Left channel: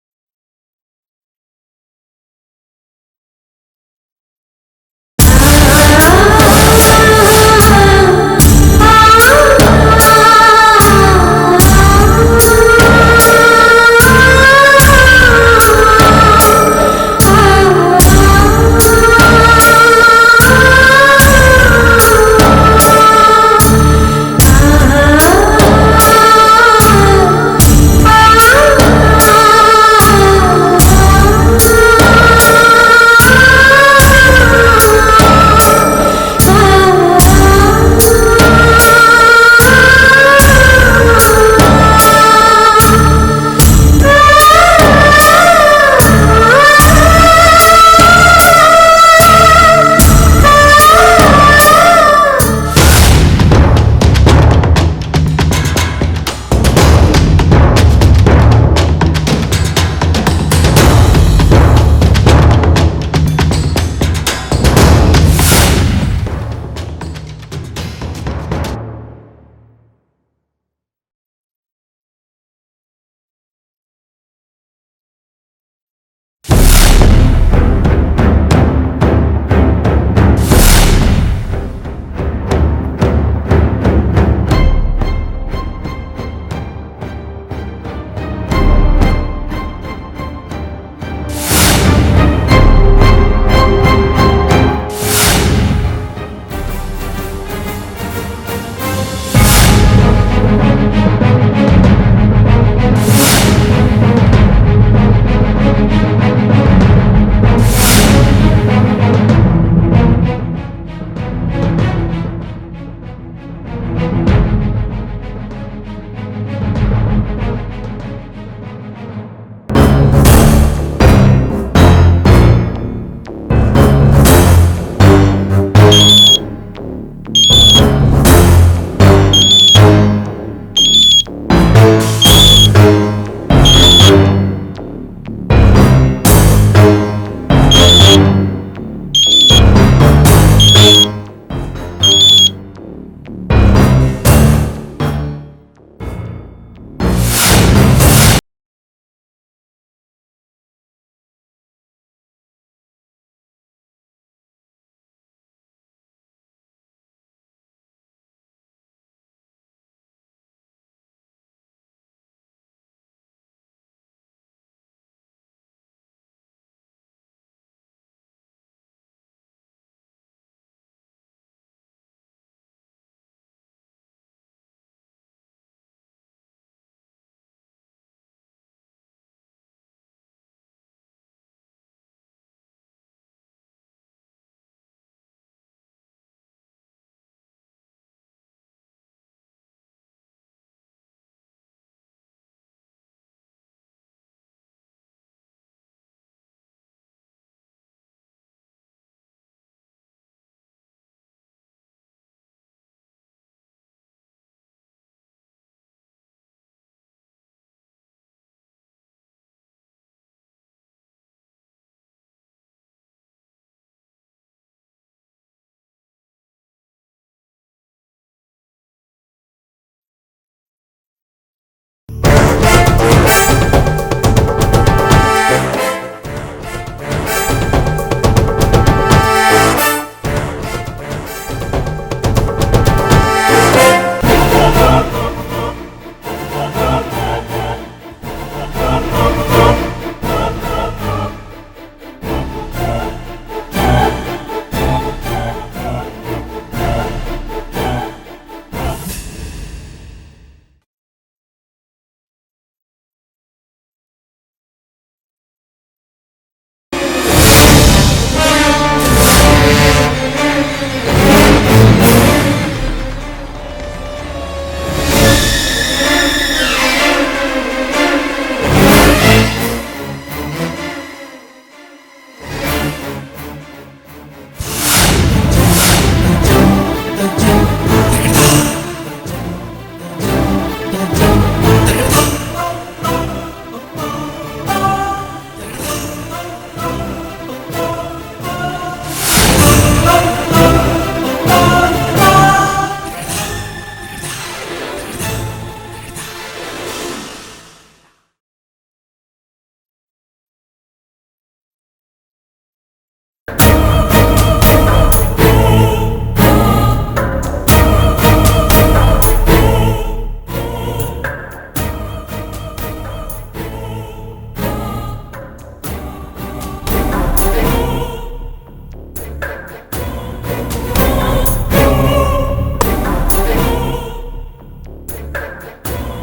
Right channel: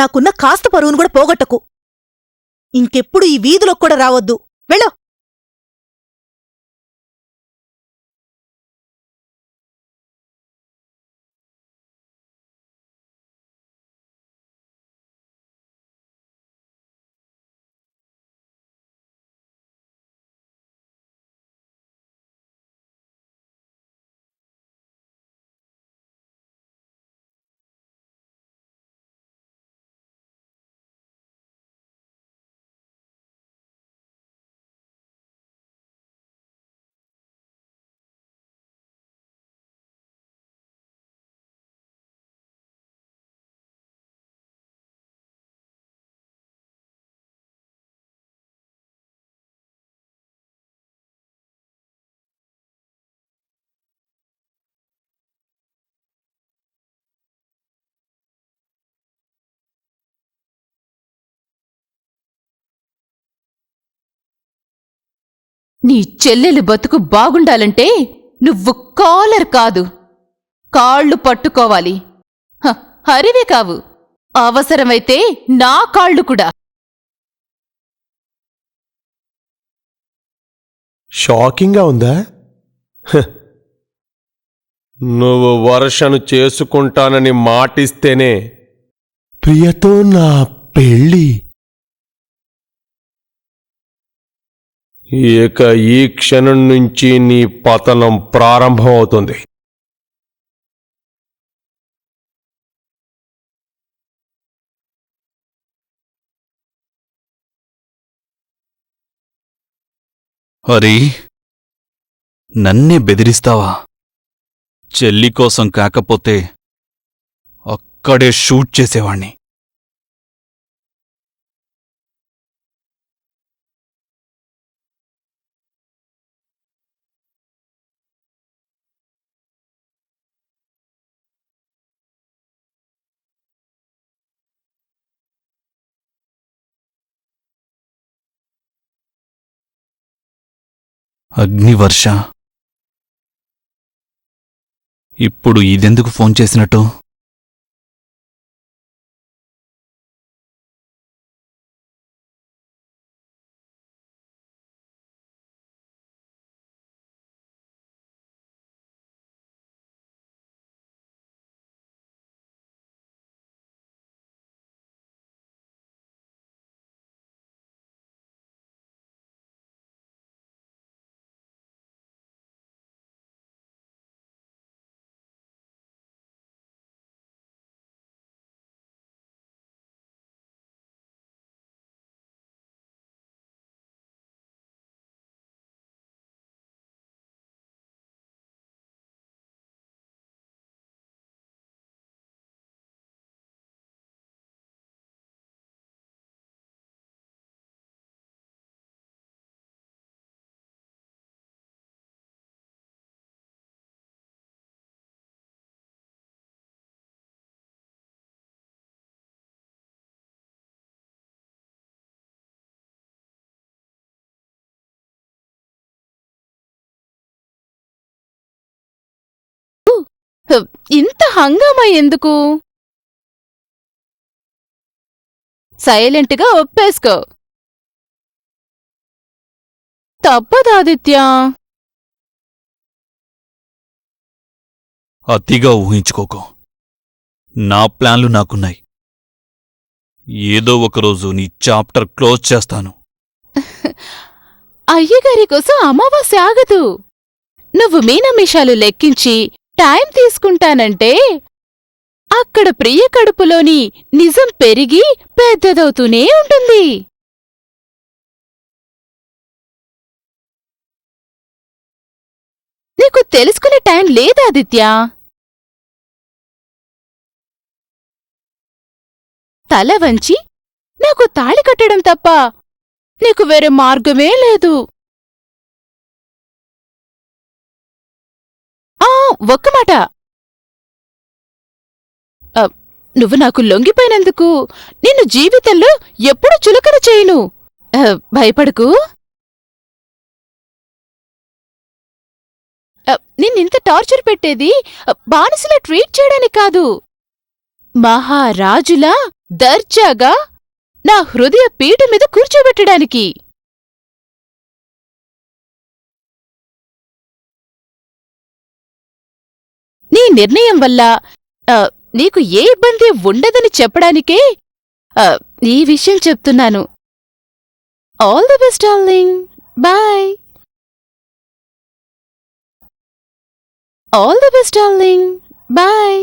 నాకున్న కాస్త పరువును కూడా పోగొట్టకు. ఇంకెప్పుడు ఈ వీధిలోకి కూడా రావద్దు. వెళ్ళు. చెల్లెలు బతుకు బాగుండాలంటే నువ్వు కాలర్ కాదు, కాళ్ళు పట్టుకోవాలి. హరివే కావు, అవసరమైతే నా కాళ్ళు కూడా. షాకింగ్గా ఉందా? నువ్వు వర్షను చేసుకుంటానని మాటిస్తేనే ప్రియతో నా పెళ్ళి. ఇక ఈ క్షణం నుంచి నీ పతనం ప్రారంభమవుతుంది. అరే, నన్నే బెదిరిస్తావా? చెల్లి కోసం కాకపోతే అక్కడే షూట్ చేసేవాణ్ణి. అగ్నివర్ష, ఇప్పుడు ఇదెందుకు ఫోన్ చేసినట్టు? ఇంత హంగామా ఎందుకు? సైలెంట్గా ఒప్పేసుకో. తప్పదాదిత్య. అతిగా ఊహించుకోకు. నా ప్లాన్లు నాకున్నాయి. ఏదో ఒకరోజు నీ చాప్టర్ క్లోజ్ చేస్తాను. అయ్యగారి కోసం అమావాస్య ఆగదు. నువ్వు మీనమిషాలు లెక్కించి టైం తీసుకుంటానంటే అక్కడ ప్రియ కడుపులోని నిజం పెరిగి పెద్దదవుతూనే ఉంటుంది. నీకు తెలుసుకునే టైం లేదా ఆదిత్య? తల వంచి నాకు తాళి కట్టడం తప్ప నీకు వేరే మార్గమే లేదు. ఒక్క మాట, నువ్వు నాకు లొంగిపోయినందుకు నిన్ను జీవితంలో ఎప్పుడు చులకన చేయను. భయపడకు. నిన్నింత టార్చర్ పెట్టేది బానిసలా ట్రీట్ చేయడానికి కాదు. మహారాజులా దర్జాగా నా హృదయ పీఠ మీద కూర్చోబెట్టడానికి. నీ నిర్ణయం వల్ల నీకు ఏ ఇబ్బంది ఉండదని చెప్పడానికే ఈ విషయం చెప్తున్నాను. All the best darling. Bye. All the best darling. Bye.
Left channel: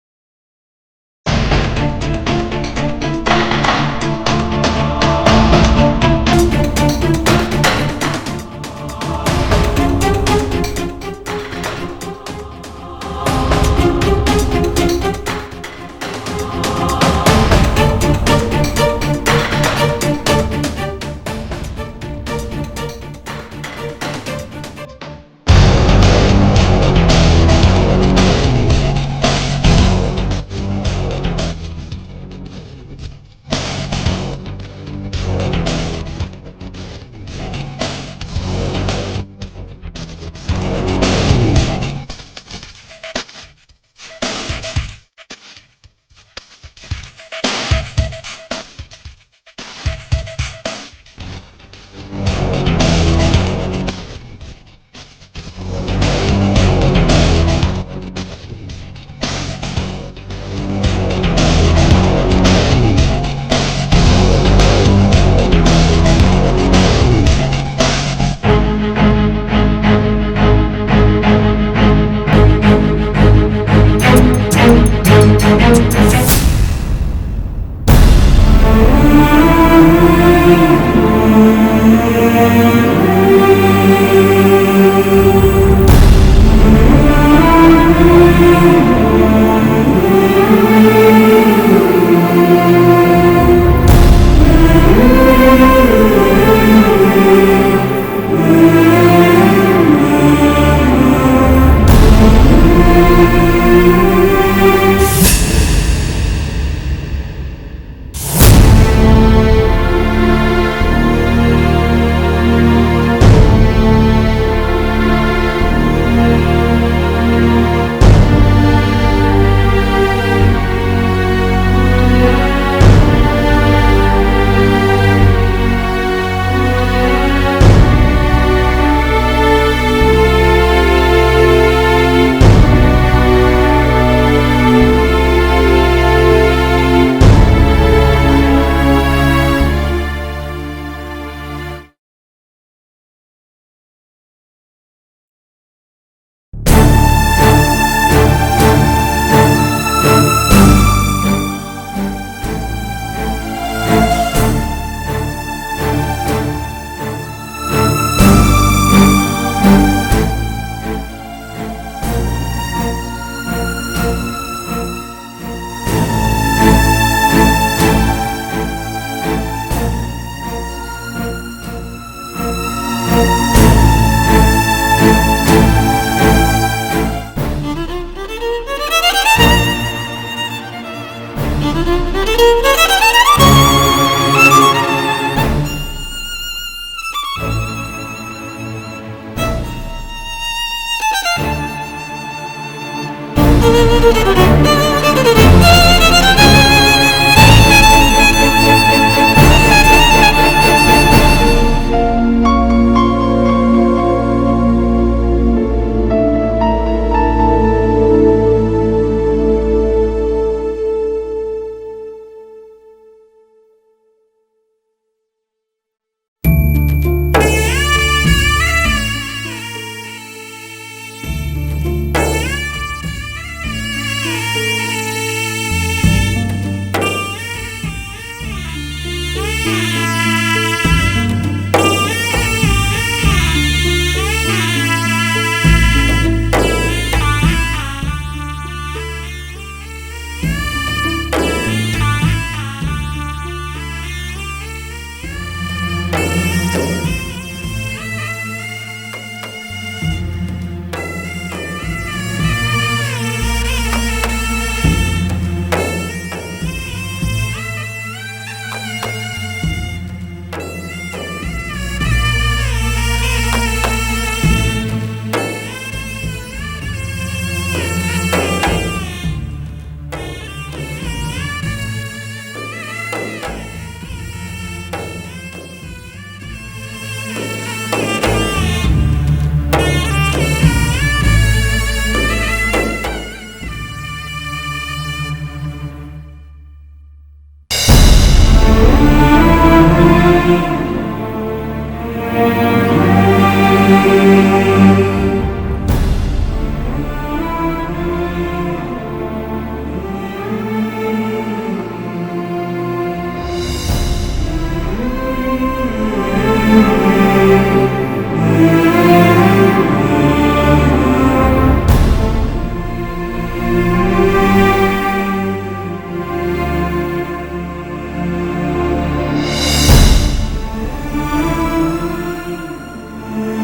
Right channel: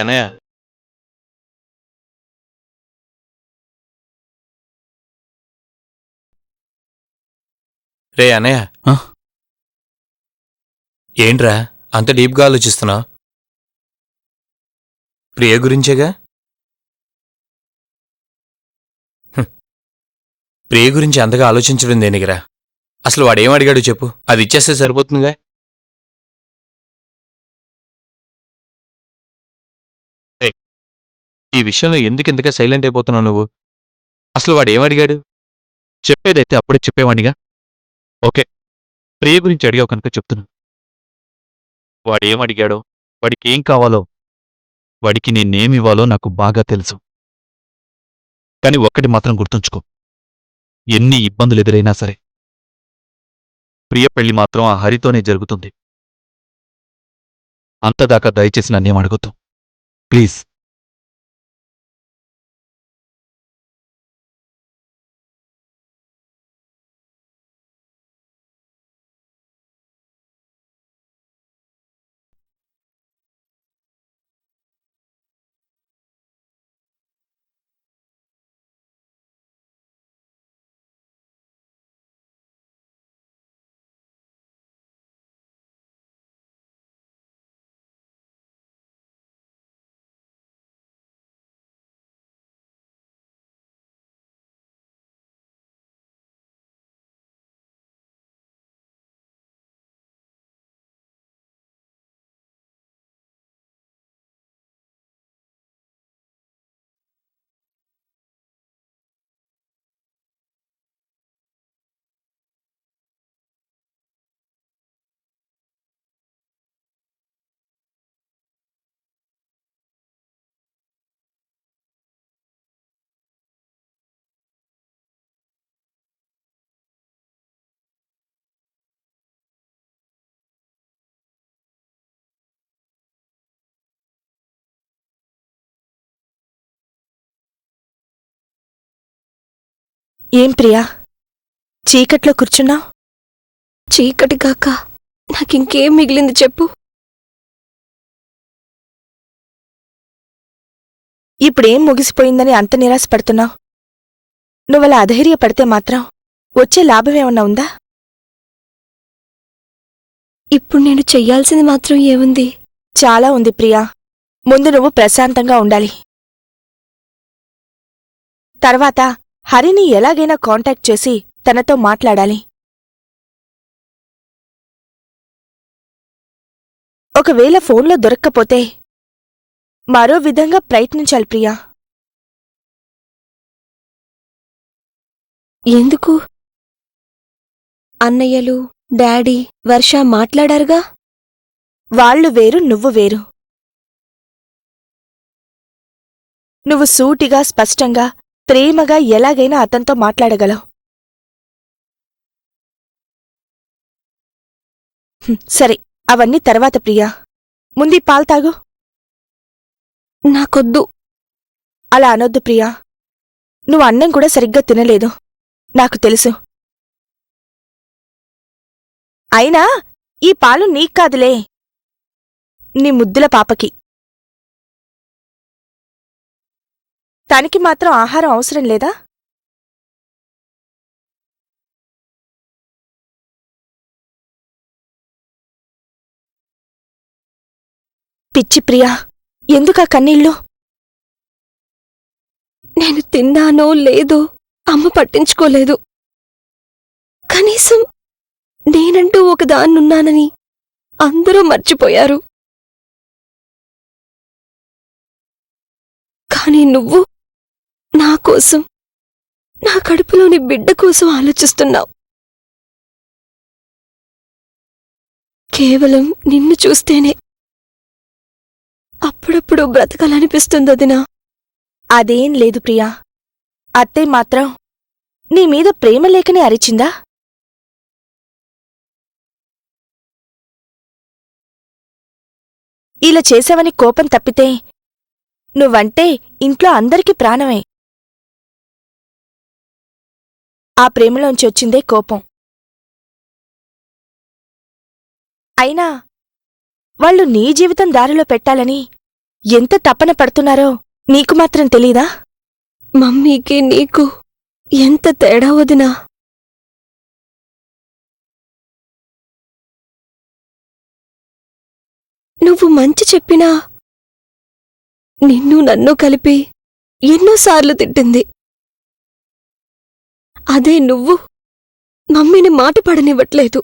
అన్నయ్య, రే అన్నయ్య, ఆ? ఏంట్రా అంత డీప్గా ఆలోచిస్తున్నా? ప్రియ గురించేగా? ప్రియ గురించి అంతగా ఆలోచించడం దేనికిరా? అసలు వాడేం అడిగాడు చెప్పు, అది ఇచ్చేస్తే సరిపోతుందిగా. ఈ విషయంలో ఎందుకు ఇంతగా సైలెంట్ అయిపోతున్నావు నువ్వు? అసలు వాడు ఏమడిగాడు? చెప్పేదైతే అప్పుడే చెప్పేవాడిగా. ఓకే, ప్రియ గురించి అడిగావు కనుక చెప్తున్నా. వాడు ఏమడిగాడో, వాడికి ఏం కావాలో, వాడికి నేనేమివ్వాలో నాకు బాగా తెలుసు. కానీ ఒక్కటి మాత్రం గుర్తుంచుకో, ఎన్ని ఇబ్బందులు ఎదురైనా సరే ప్రియ పెళ్లి మాత్రం ఆ హరితోనే జరుగుతుంది. అంతదాకా దయచేసి నన్నేం అడగొద్దు ప్లీజ్. ఏం ప్రియా, చీకట్లో కూర్చున్నా? చీకటి కాక నాకింకేం మిగిలింది చెప్పు. ఇప్పుడేం ముగిసిపోయిందని అంత నిరాశపడుతున్నా? నువ్వలా అధైర్యపడితే మాత్రం వచ్చే లాభం ఏమన్నా ఉందా? ఇప్పుడు నేను చెయ్యాల్సింది మాత్రం ఏముంది? చాలా ఉంది ప్రియా. ముందు నువ్వు ప్రశాంతంగా ఉండాలి. తర్వాత హరిని ఎలాగైనా కాంటాక్ట్ చేసి తనతో మాట్లాడాలి. ఒకవేళ ఫోన్లో దొరక్కపోతే మరో విధంగా ప్రయత్నించాలి ప్రియా. ఎందుకు? అన్నయ్యలు, డాడీ, వర్ష మాట్లాడారుగా. వాళ్ళు వేరు, నువ్వు వేరు. నువ్వు సూటిగా, స్పష్టంగా, ప్రేమగా ఎలాగైనా అతనితో మాట్లాడగలవు. సరే, అవన్నీ తర్వాత ప్రియా. ముందు పాలు తాగు. నాకొద్దు. అలా అనొద్దు ప్రియా. నువ్వు అన్నం కూడా సరిగ్గా తినలేదు, నాకు తెలుసు. అయినా ఈ పాలు నీకు కాదులే, నీ ముద్దుల పాపకి. తనకి మాత్రం ఆహారం అవసరం లేదా? పిచ్చి ప్రియా, ఎందుకా కన్నీళ్ళు? నేను తిన్నానో లేదో అమ్మ పట్టించుకోలేదు. కనీసం నేనంటూ ఒకదాన్నున్నానని అందరూ మర్చిపోయారు. కానీ నువ్వు నా కోసం, నా కడుపులోని బిడ్డ కోసం ఆలోచిస్తున్నావు. కేవలం నిన్ను చూస్తేనే అప్పుడప్పుడు బ్రతకాలనిపిస్తుంది వదినా. అదేం లేదు ప్రియా. అత్తయ్య మాత్రం నీ మీద ప్రేమ లేకనే అరిచిందా? ఇలా చేసావని కోపం తప్పితే నువ్వంటే ఇంట్లో అందరికీ ప్రాణమే. ఆ ప్రేమలోంచి వచ్చిందే కోపం. అయినా వాళ్ళు నీ జీవితం దారిలో పెట్టాలని ఎంత తపన పడుతున్నారో నీకు మాత్రం తెలీదా? మమ్మీకి నీకు ఎంత తేడా వదినా. నువ్వు మంచి చెప్పినా నిన్ను నన్ను కలిపి ఎన్నోసార్లు తిట్టింది. అదే నువ్వు మమ్మీని మాట పడనివ్వట్లేదు.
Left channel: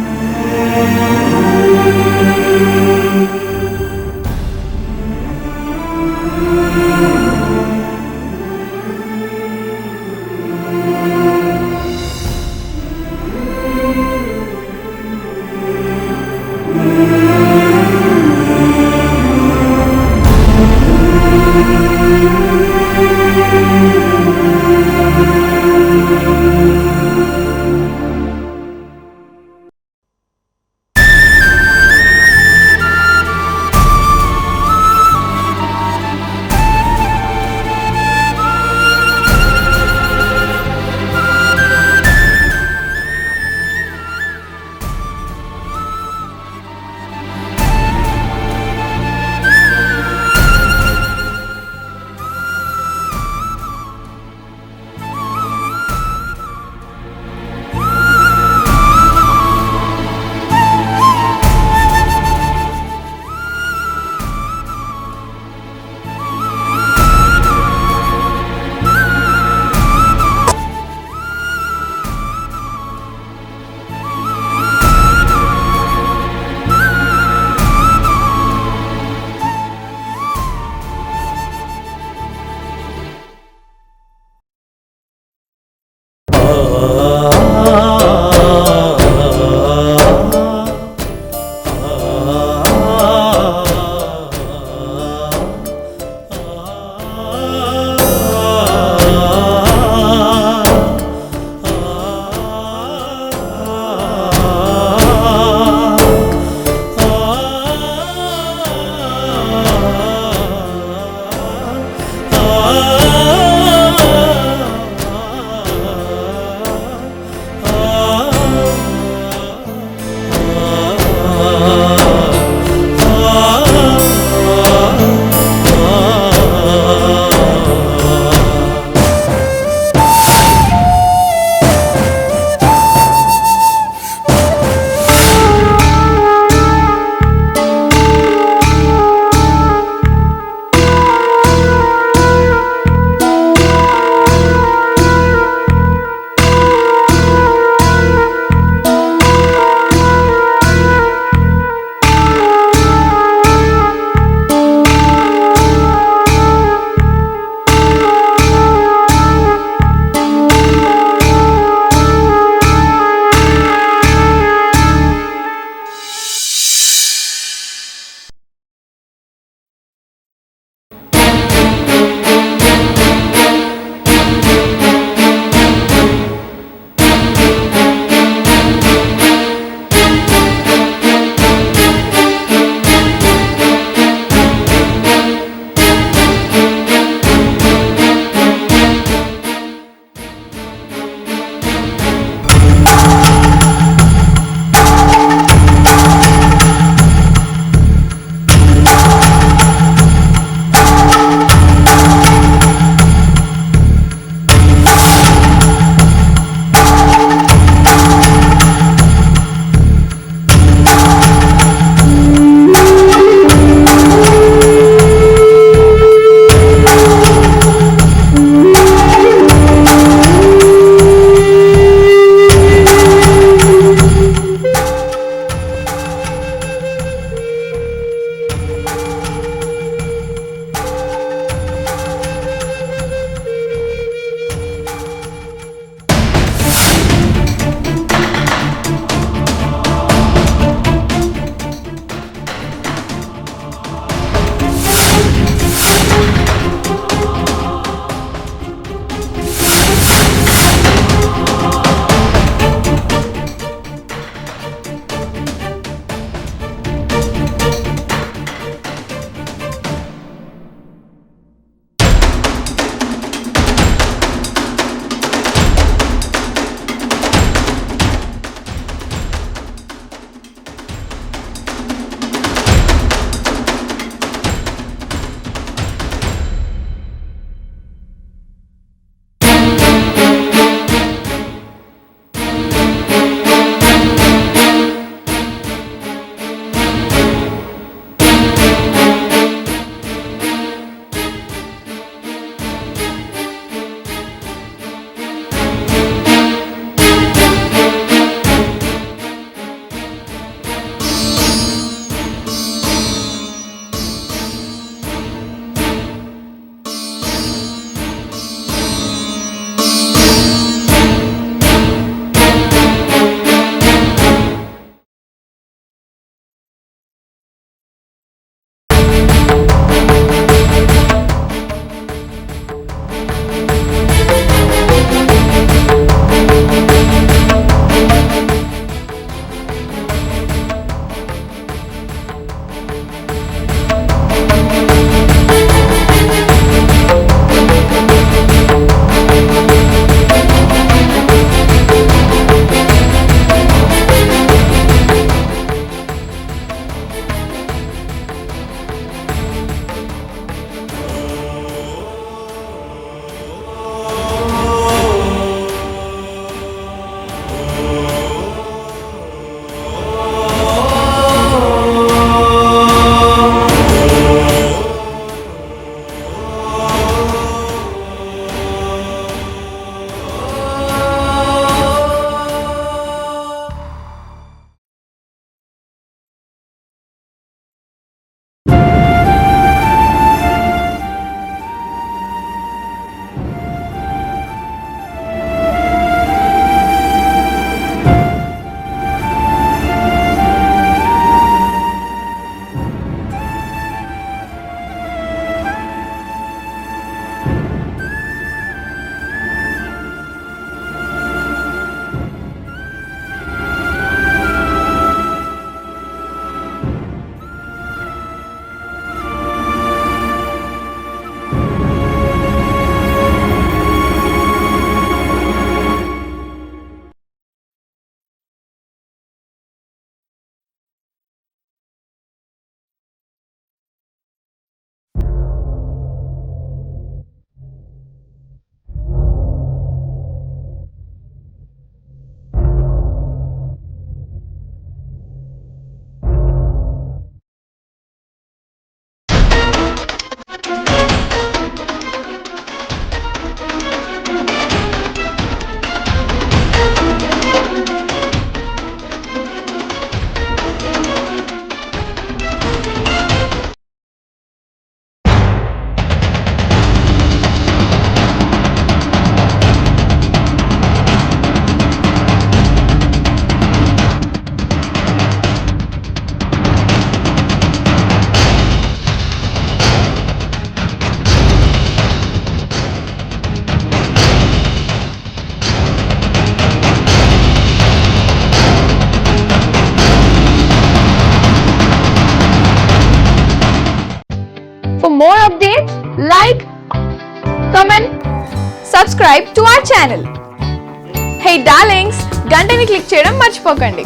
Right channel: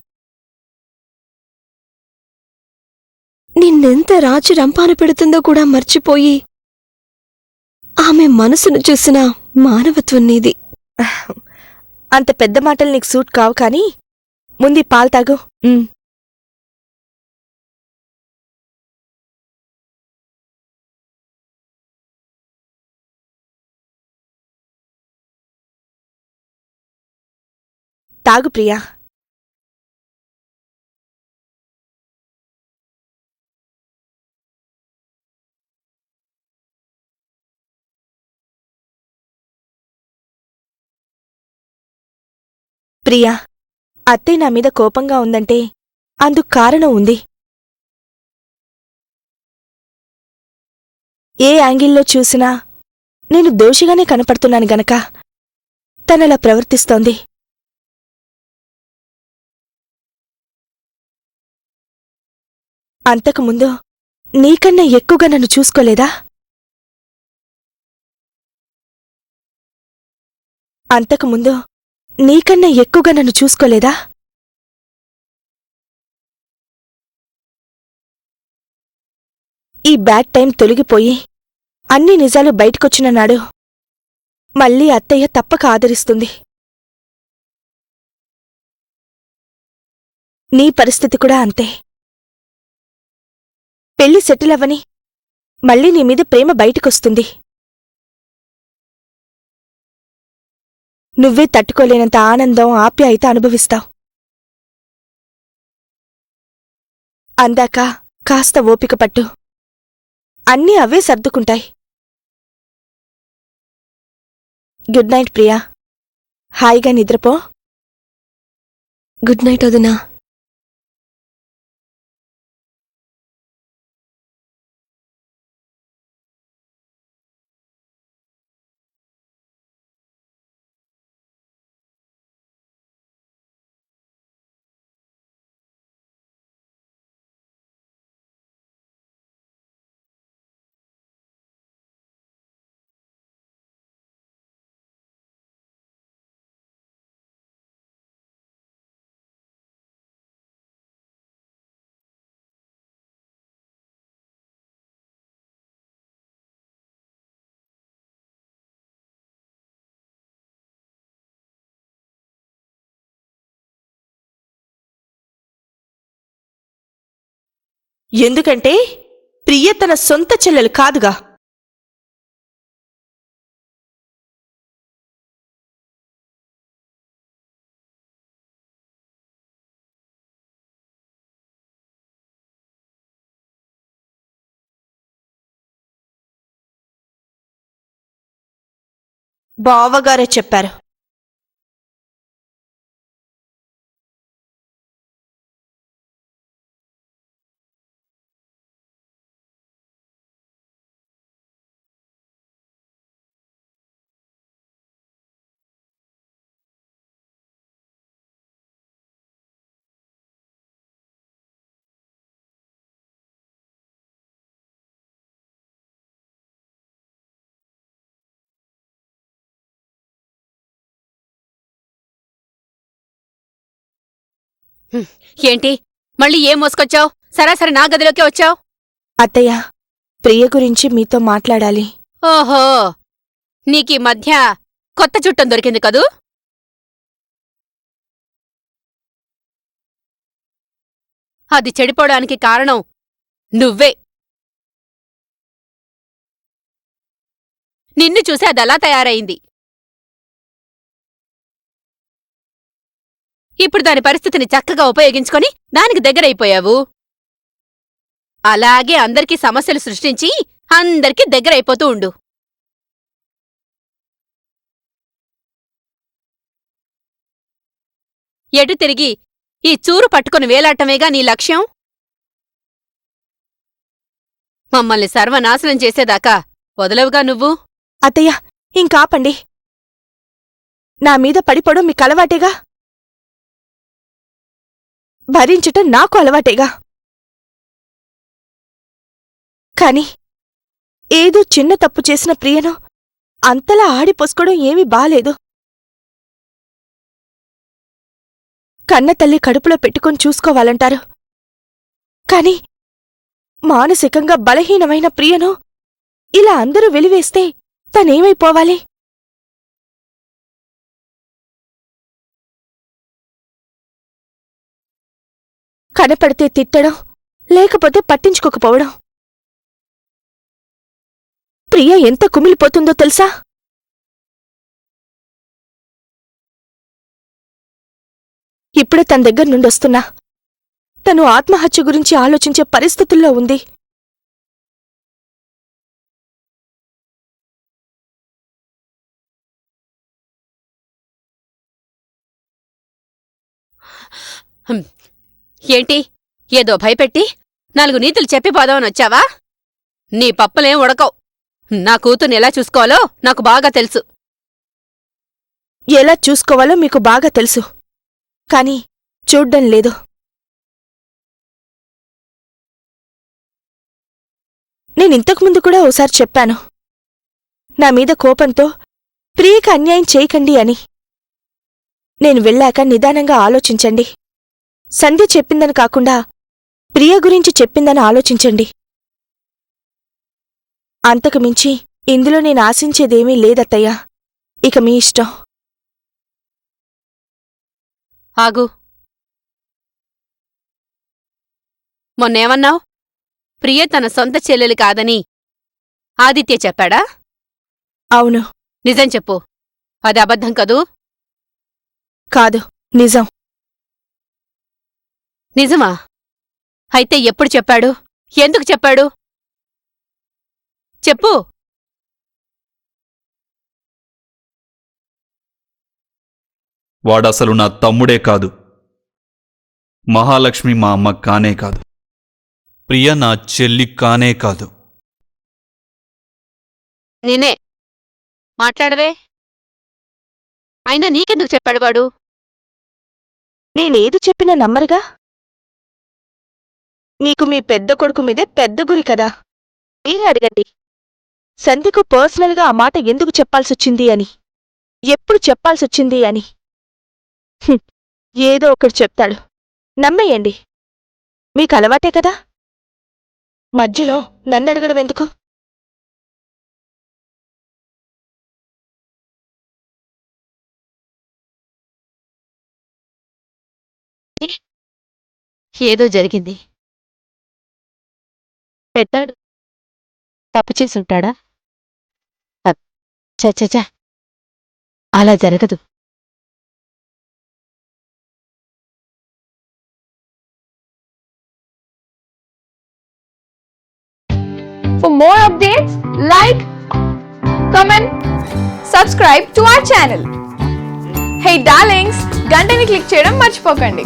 నిన్నెంత రాచి రంపాన పెడుతుందో కూడా మర్చిపోయి ఆమె మనసును చూసిన మానవత్వం నీది. అంత పెద్ద మాటలు నీకు సూట్ కావు, కానీ ముందు పాలు తాగు. తాగు ప్రియా. ప్రియా, అత్తయ్య నా మీద కోపంగా ఉందంటే అందుకు కారణం ఉంది. ఏ యాంగిల్లో చూసినా నేను దోషిగానే కనపడుతున్నాను గనక తనలా ప్రవర్తిస్తోంది. అంతకుముందు నీకన్నా ఎక్కువగా నన్ను చూసుకోలేదా? అంతకుముందు నీకన్నా ఎక్కువగా నన్ను చూసుకోలేదా? ఈ బ్యాడ్ టైం తొలగిపోయి అన్ని నిజాలు బయటకొచ్చిన నాడు మళ్ళీ అత్తయ్య తప్పక ఆదరిస్తుంది. నీ పరిస్థితి కూడా అంతే. పెళ్లి సెటిల్ అవ్వని మళ్ళీ నీ మీద ప్రేమ బయటకొస్తుంది. నువ్వే తట్టుకోలేనంత ఆనందం, ఆప్యాయత అనుభవిస్తావు. అందాక కాస్త ఓపిక పట్టు, అన్నీ అవే సర్దుకుంటాయి. గుడ్ నైట్ ప్రియా, హాయిగా నిద్రపో. గుడ్ నైట్ వదినా. ఎందుకంటే ప్రియ తన సొంత చెల్లెలు కాదుగా. బావగారే చెప్పారు. మోసుకొచ్చావు? సరాసరి నా గదిలోకి వచ్చావు. అత్తయ్య, ప్రియ గురించి మీతో మాట్లాడాలి. ఓహో, నీకీ మధ్య కొత్త చుట్టం దొరికింది కదూ? అది చెడిపోవడానికి కారణం నువ్వే. నిన్ను చూసి అది అలా తయారైంది. ఇప్పుడు దాని పరిస్థితిని చక్కగా ఉపయోగించుకొని దానికి దగ్గరైపోయావు. అలాగే అందరికీ సమస్యలు సృష్టించి అందరికీ దగ్గరైపోతూ ఉండు. ఎటు తిరిగి ఈ చూరు పట్టుకుని వేలాటమేగా నీ లక్ష్యం? మమ్మల్ని సర్వనాశనం చేసేదాకా వదలవుగా నువ్వు. అత్తయ్య, ఇంకాపండి. నా మీద పడిపోవడం మీకు అలవాటేగా, భరించటం నాకు అలవాటేగా. కానీ ఏదో చిన్న తప్పు చేసిన ప్రియను అంతలా ఆడిపోసుకోవడం ఏమీ బాలేదు. కన్న తల్లి కడుపులో పెట్టుకొని చూసుకోవాలంటారు, కానీ మానసికంగా బలహీనమైన ప్రియను ఇలా అందరూ వెలివేస్తే తనేమైపోవాలి? కనపడితే తిట్టడం, లేకపోతే పట్టించుకోకపోవడం. ప్రియ ఎంత కుమిలిపోతుందో తెలుసా? ఇప్పుడే తన దగ్గర నుండి వస్తున్నా. తను ఆత్మహత్య గురించి ఆలోచించే పరిస్థితుల్లో ఉంది. ఏంటి, ఏదో భయపెట్టి 4 నీతులు చెప్పి పోదామని వచ్చావా? నీ పప్పులేం ఉడకవు. నా కూతుర్ని ఎలా చూసుకోవాలో నాకు బాగా తెలుసు. ఎలా చూసుకోవాలో మీకు బాగా తెలుసు, కానీ చూడ్డం లేదు. నేను ఇంతకు ముందు కూడా ఓసారి చెప్పాను, నా మీద కోపంతో ప్రియకి అన్యాయం చేయకండి అని. నేను వెళ్ళాక నిదానంగా ఆలోచించండి. సంధ్య చెప్పిందని కాకుండా ప్రియ గురించి చెప్పిందని ఆలోచించండి. అంతకు మించి ఇందులో నేను ఆశించేదేమీ లేదత్తయ్య. ఇక మీ ఇష్టం. ఆగు. మొన్నేమన్నావు? ప్రియ తన సొంత చెల్లెలు కాదని ఆదిత్య చెప్పాడా? అవును. నిజం చెప్పు, అది అబద్ధం కదూ? కాదు, నిజం. నిజమా? అయితే ఎప్పుడు చెప్పాడు? ఎందుకు చెప్పాడు? చెప్పు. వాడసలు నా తమ్ముడే కాదు, మహాలక్ష్మి మా అమ్మ కానే కాదు, ప్రియ నా చెల్లి కానే కాదు. నేనే మాట్లాడవే. అయినా నీకెందుకు చెప్పాడు వాడు? నేనేది చెప్పినా నమ్మరుగా. మీకు మీ పెద్ద కొడుకు మీదే పెద్ద గురి కదా. మీరే అడగండి, సంధ్యకు పర్సనల్ గా ఆ మాట ఎందుకు చెప్పాల్సి వచ్చింది అని, ఎప్పుడు చెప్పాల్సి వచ్చింది అని. ఏదో ఒకటి చెప్తాడు, నమ్మేయండి. మీకు అలవాటే కదా, మధ్యలో నన్ను అడగడం ఎందుకు? ఏదో జరిగింది. పెట్టాడు, తప్పు చేసి ఉంటాడా? చచ్చా, అలా జరగదు. For more updates, like, comment, subscribe to our channel. Hey darlings, గంటని click చేయడం మర్చిపోకండి.